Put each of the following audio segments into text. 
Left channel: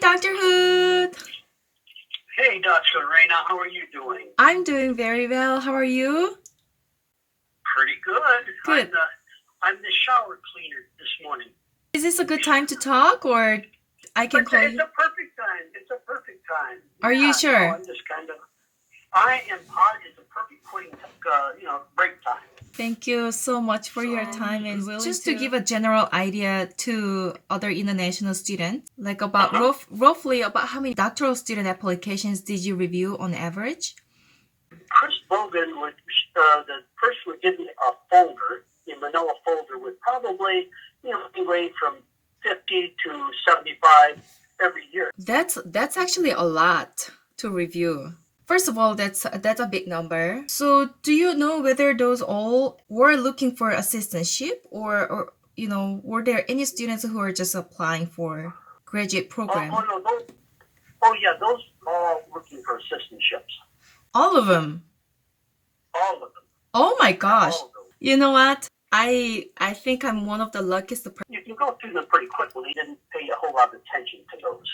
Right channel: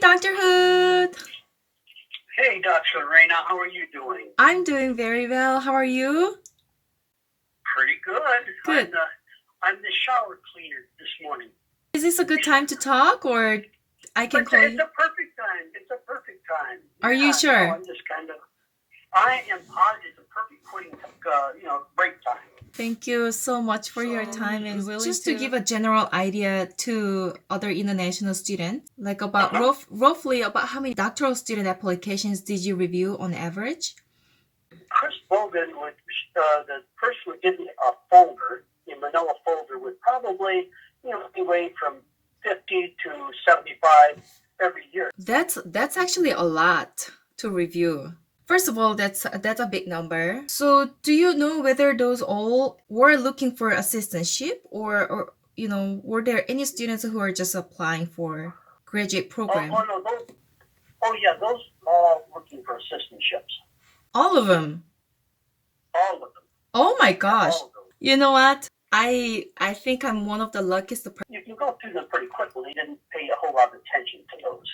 Dr. Hood. Hey, Dr. Lorena, how are you doing? I'm doing very well. How are you? Pretty good. Good. I'm the shower cleaner this morning. Is this a good time to talk, or I can call It's you? a perfect time. It's a perfect time. Are you sure? I'm just I am positive it's a perfect break time. Thank you so much for your time and just to give a general idea to other international students, like about roughly about how many doctoral student applications did you review on average? Chris Bogan the person would give me a folder, a manila folder with probably, anyway from 50 to 75 every year. That's actually a lot to review. First of all, that's a big number. So do you know whether those all were looking for assistantship or were there any students who are just applying for graduate program? Those all looking for assistantships. All of them? All of them. Oh my gosh. All of them. You know what? I think I'm one of the luckiest. You can go through them pretty quickly. You didn't pay a whole lot of attention to those.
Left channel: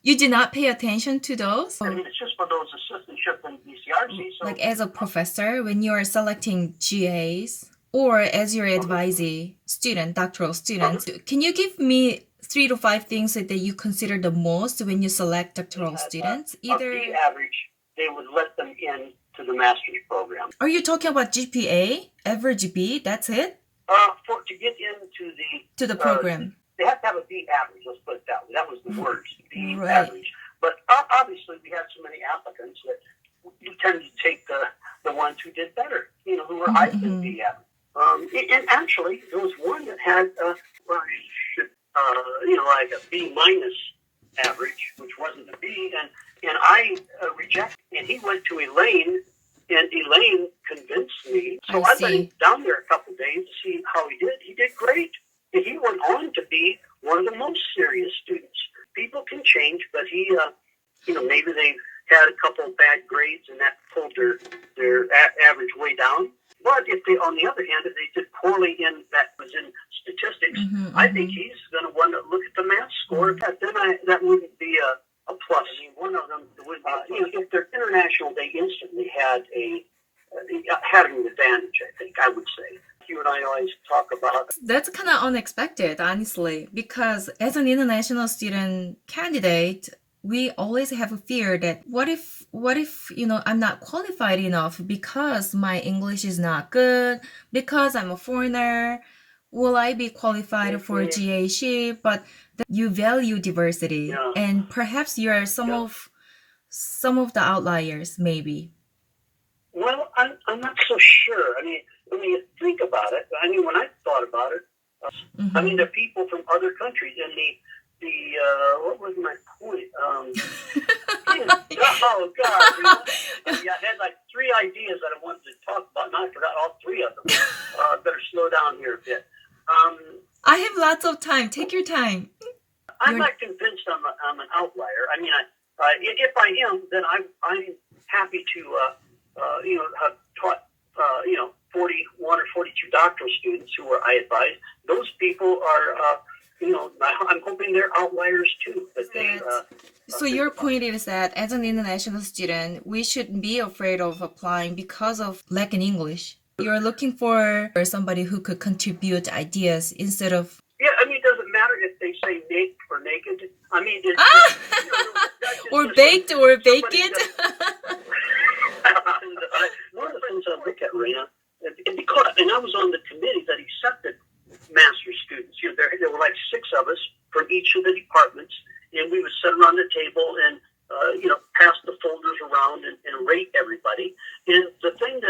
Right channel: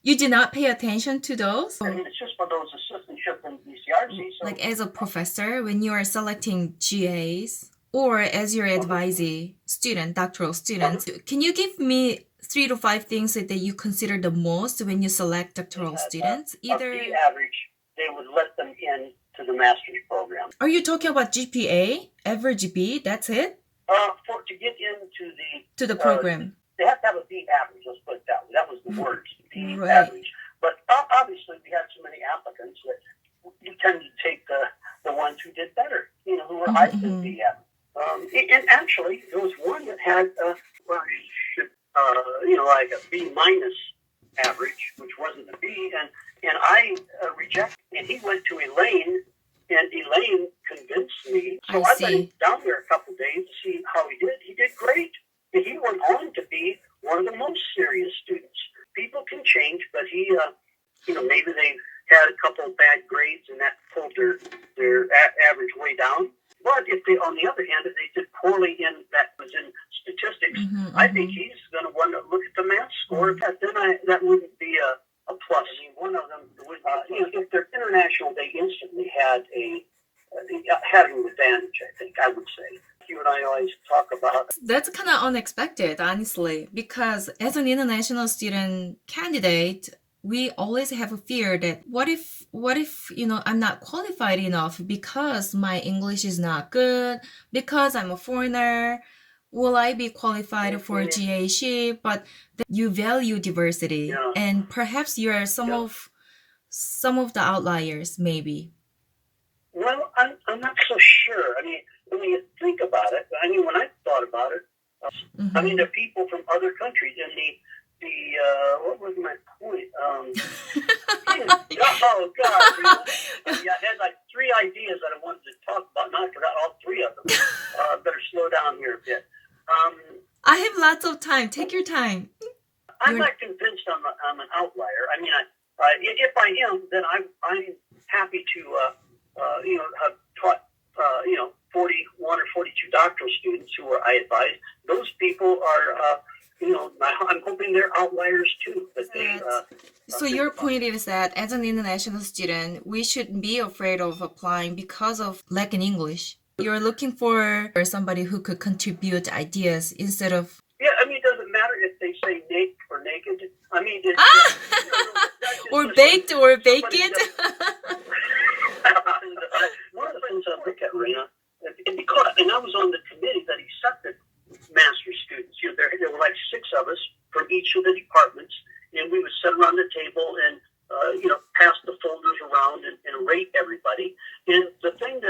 You did not pay attention to those? I mean, it's just for those assistantships and BCRC. So like as a professor, when you are selecting GAs or as your advisee student, doctoral students, can you give me 3 to 5 things that you consider the most when you select doctoral students? Either B average, they would let them in to the master's program. Are you talking about GPA, average B? That's it? To get into the program. They have to have a B average, let's put it that way. That was the word, B Right. average. But obviously, we had so many applicants that you tended to take the ones who did better, who were higher than B average. And actually, there was one that had, like a B minus average, which wasn't a B, and I rejected. And he went to Elaine, and Elaine convinced me. So I went down there a couple of days to see how he did. He did great. And he went on to be one of the most serious students. People can change, but he, maybe they had a couple of bad grades and that pulled their average way down. But if they, on the other hand, if they did poorly in statistics, I think he's going to want to look at the math score. Then that wouldn't be a plus. I mean, one of them would be, if they're international, they instantly had an advantage, I think, I would say. You and I always talk about. That's kind of unexpected, honestly, because as an international student candidate, we always have a fear that what if I'm not qualified enough because my English is not good, because I'm a foreigner, will I be qualified for GAship? But you value diversity, and perhaps you are some of the outliers, maybe. Well, I'm not so sure. I mean, when you think about it, when I thought about it, there are people from other countries, and what was my point? Oh God! I had like 3 ideas that I wanted to talk about, and I forgot all 3 of them. Better slow down here a bit. I have lots of time. Take your time. I'm not convinced I'm an outlier. I mean, if I am, then I'm happy to have taught 41 or 42 doctoral students who I advised. Those people are, I'm hoping they're outliers too. But so your point is that as an international student, we shouldn't be afraid of applying because of lack in English. You're looking for somebody who could contribute ideas instead of... Yeah, it doesn't matter if they say naked or naked. or baked or vacant. One of the things I look at, Rena, and I was on the committee that accepted master's students. There were like 6 of us from each of the departments, and we would sit around the table and pass the folders around and rate everybody. And the thing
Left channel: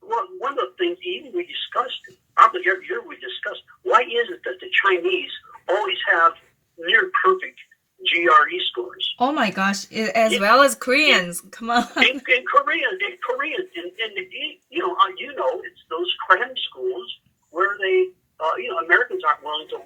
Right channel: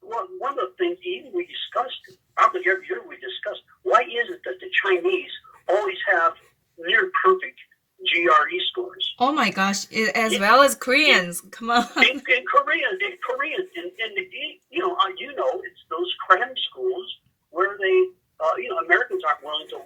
one of the things even we discussed, probably every year we discussed, why is it that the Chinese always have near perfect GRE scores? Oh my gosh, as well as Koreans. Come on. In Koreans, it's those cram schools where they, Americans aren't willing to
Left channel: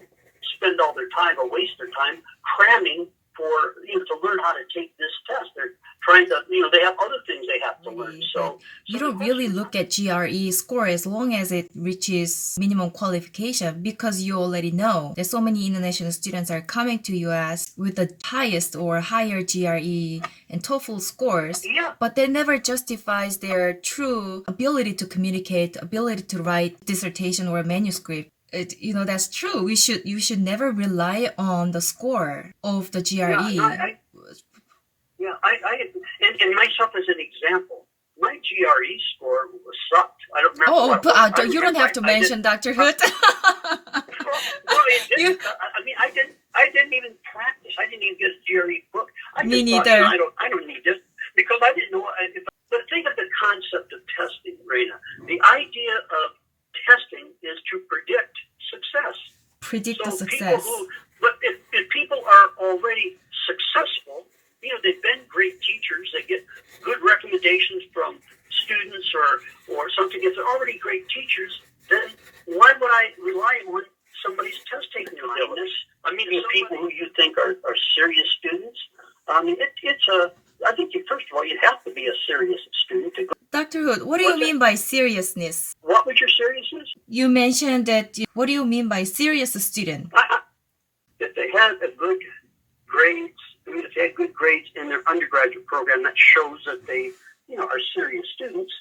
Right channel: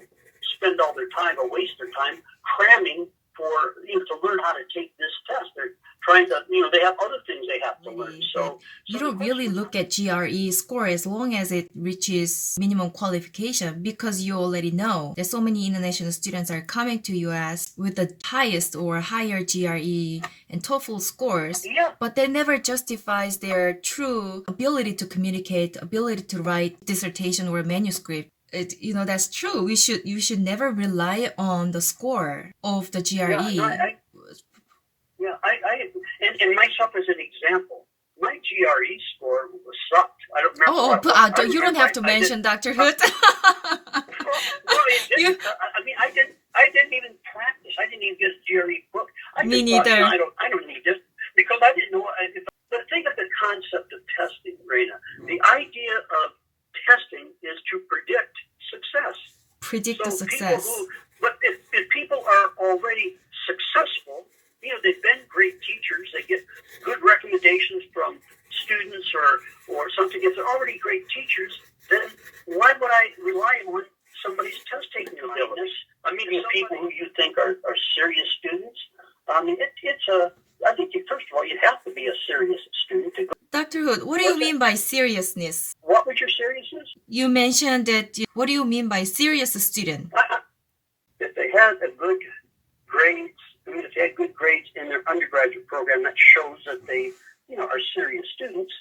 spend all their time or waste their time cramming for, to learn how to take this test. They're trying to, they have other things they have to learn. So you don't really look at GRE score as long as it reaches minimum qualification, because you already know that so many international students are coming to US with the highest or higher GRE and TOEFL scores, but that never justifies their true ability to communicate, ability to write dissertation or manuscript. That's true. You should never rely on the score of the GRE. And myself as an example, my GRE score sucked. I don't remember. You don't have to mention Dr. Hood. Well, it didn't. I didn't even practice. I didn't even get a GRE book. Me neither. I don't need this because I didn't know. But think of the concept of testing, Raina. The idea of testing is to predict success. Predict the success. But if people are already successful, they've been great teachers. They get good recommendations from students or something. If they're already great teachers, then why would I rely on somebody's test-taking ability? People who you think are serious students. I think first of all, you have to be a serious student to go. Dr. Hood, what do you mean by seriousness? What was your seriousness? You mentioned that. What do you mean by serious student? If they had a good grades, if they had good grades in their undergraduate program, that shows that they, are serious students.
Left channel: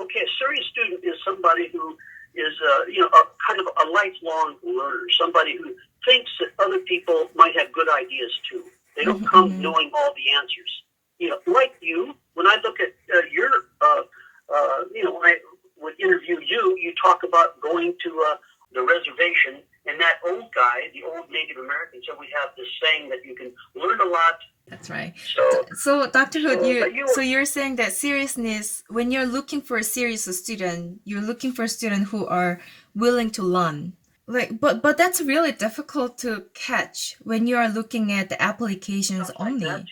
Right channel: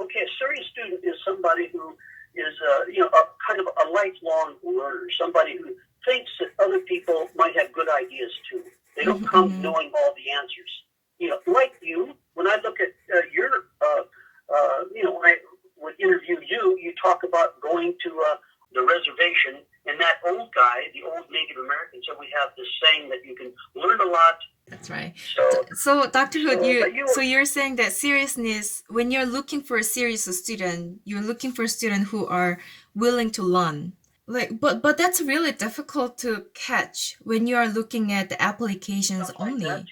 Okay, a serious student is somebody who is, a kind of a lifelong learner, somebody who thinks that other people might have good ideas too. They don't come knowing all the answers. Like you, when I look at your, when I would interview you, you talk about going to the reservation, and that old guy, the old Native American, said we have this saying that you can learn a lot. That's right. So Dr. Hood, you're saying that seriousness, when you're looking for a serious student, you're looking for a student who are willing to learn. But that's really difficult to catch when you're looking at the applications only.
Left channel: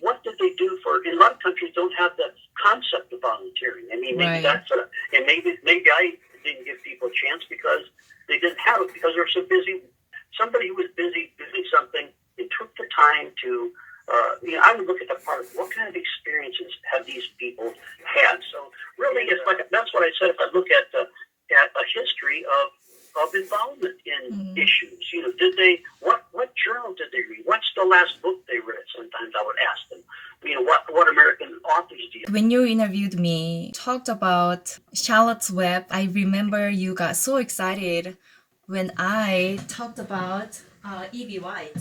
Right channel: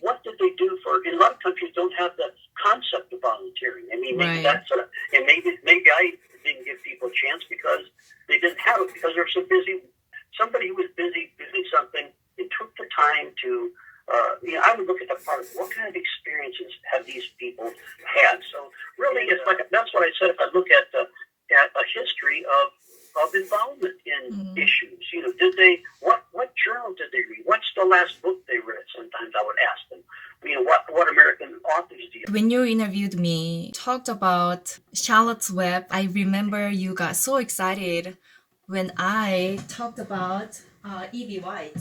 What did they do in a lot of countries don't have the concept of volunteering. Maybe that's and maybe I didn't give people a chance because they didn't have it because they're so busy. Somebody who was busy doing something, they took the time to, I would look at the part of what kind of experiences have these people had. So really, that's what I said. If I look at a history of involvement in issues, did they, what journal did they read? What's the last book they read? Sometimes I would ask them, what American authors do you? When you interviewed me, talked about Charlotte's Web, I remember you got so excited when I talked about E.B. White.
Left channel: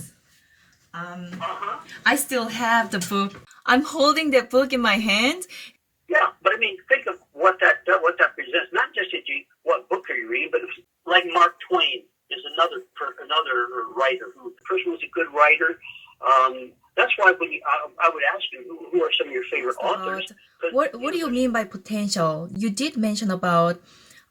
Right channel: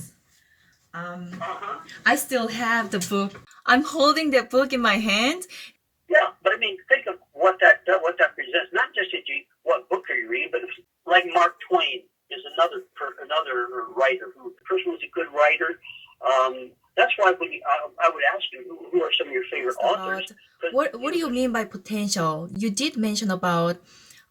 I still have the book. I'm holding that book in my hand. Yeah, but think of what that presents. Not just what book are you reading, but like Mark Twain is another writer who the person was a good writer. That's why when I would ask you who are some of your favorite authors. What do you mean by potential? You did mention about,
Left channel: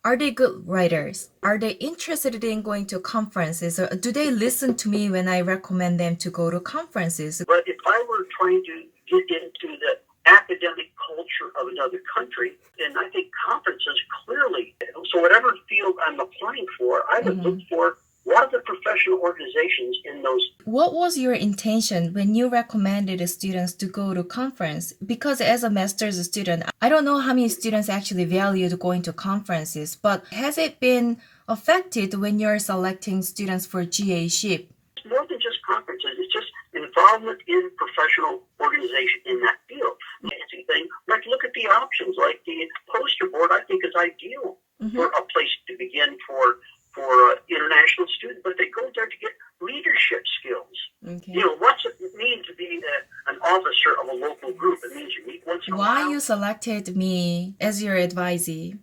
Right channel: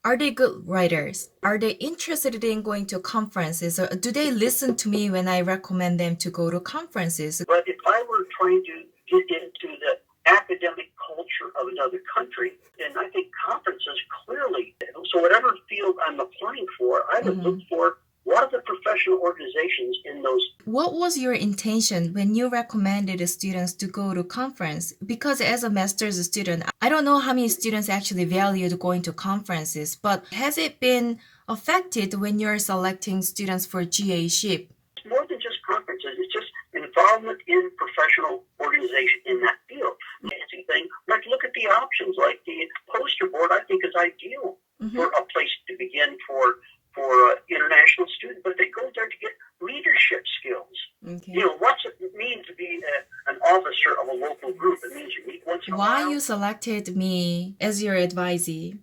are they good writers? Are they interested in going to conferences? Or do they listen to me when I recommend them to go to conferences? But if I were trying to get into the academic culture of another country, and I think conferences clearly. So whatever field I'm applying for, I would look for what are the professional organizations in those. What was your intention when you recommended the students to go to conference? Because as a master's student, I don't know how many students actually valued going to conferences, but has it been affected when you're selecting students for GA-ship? It's more than just conferences. It's just involvement in professional organization in that field. Fancy thing, like look at the options, like the poster board. I think is ideal for a place to begin for international students, but they go there to get leadership skills. Okay. What's it mean to be an officer of a local group? It means you meet once in a while. Why you selected me as your advisee?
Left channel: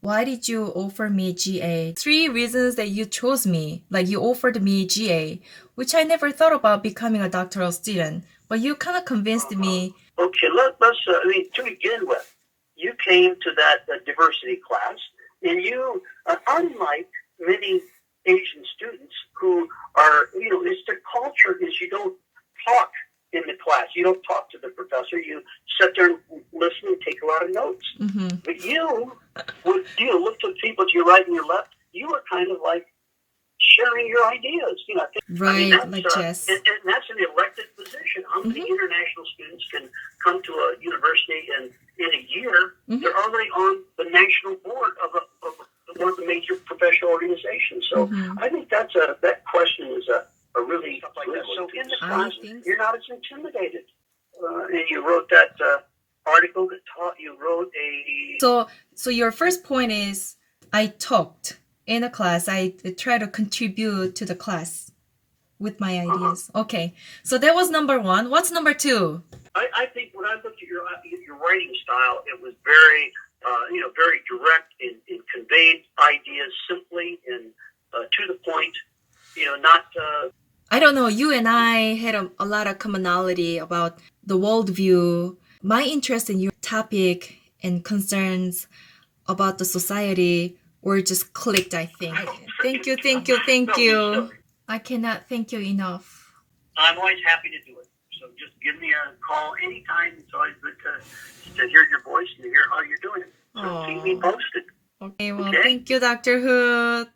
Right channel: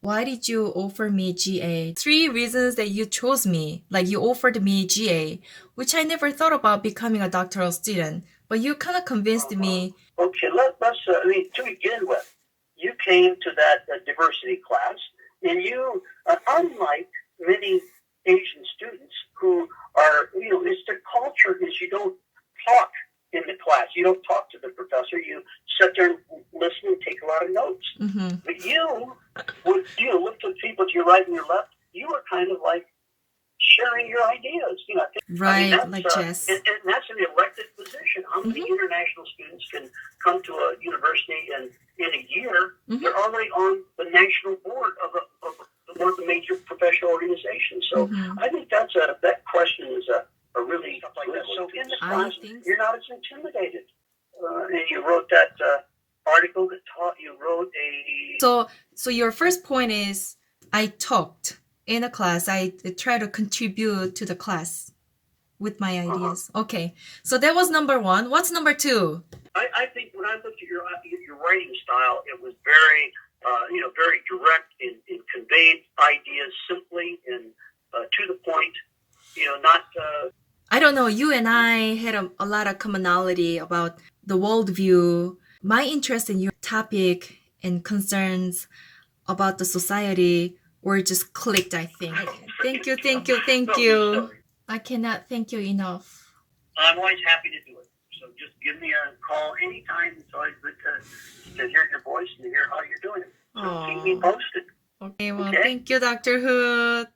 Why did you offer me GA? 3 reasons that you chose me. Like you offered me GA, which I never thought about becoming a doctoral student, but you kind of convinced me. Okay, let's to begin with, you came to that diversity class, and you, unlike many Asian students who are, it's the culture is you don't talk in the class. You don't talk to the professor. You sit there and listen and take a lot of notes. But you look to people to your right and your left. You are kind of like sharing your ideas. Right, like Jess. And that's an elected position. How many international students can come to a university and in a year really on the national board of one of the major professional organizations. So I think that question is a really good. So in the class, you're not as intimidated. And you wrote that article that you wrote a... So your first point is I talked in a class. I try to contribute to the class with my ideas. Okay. So that was number one. What's number two? I think when I looked at your writing style, it was very, very direct and conveyed ideas simply and to the point, not... I don't know. You and I had a lot of commonality about the worldview. My interest in your topic and concerns about the society were just clicked, I think. Thank you. I cannot thank you enough. I'm always happy to do it. So just give me a call anytime. It's always good to hear your voice and to hear how you're doing it. So keep me posted. Okay, well, thank you, Dr. Hood.